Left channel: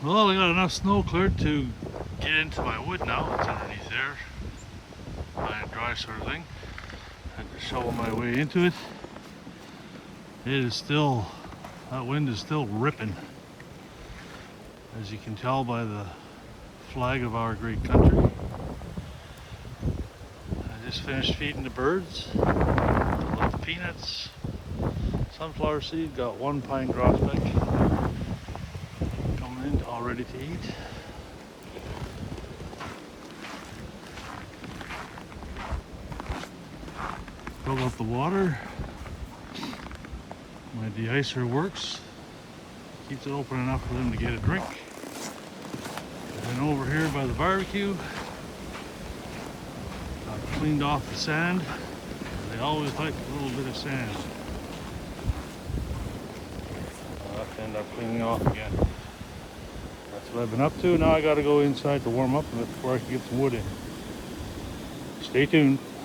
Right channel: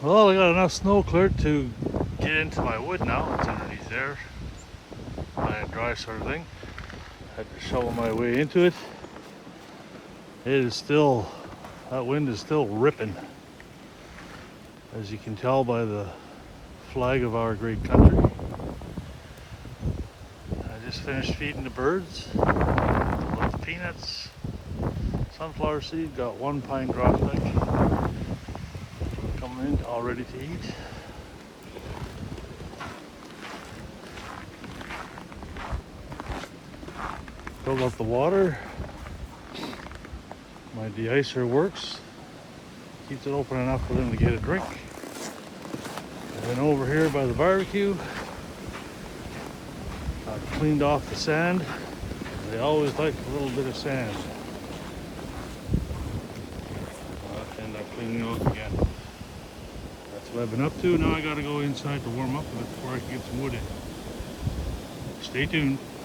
Well, I got enough snow cleared to get into my wood now. It's underneath there. High and dry sort of thing. Had to shovel my way into it. It is still, that wind is still ripping. As you can tell by the flag of our great country. I just finished feeding the birds. With the peanuts, sunflower seed, got one pine grosbeak coming in all ready to eat. Filled up the water. My de-icer works. Keeps it open enough for them to get a drink. And then over here by the barbecue, I cleaned off the sand. They always like a little bit of sand. I'm about to end up cleaning off again. That's what I've been up to. Now I gotta go inside to warm up before I can get some wood in. Stay tuned.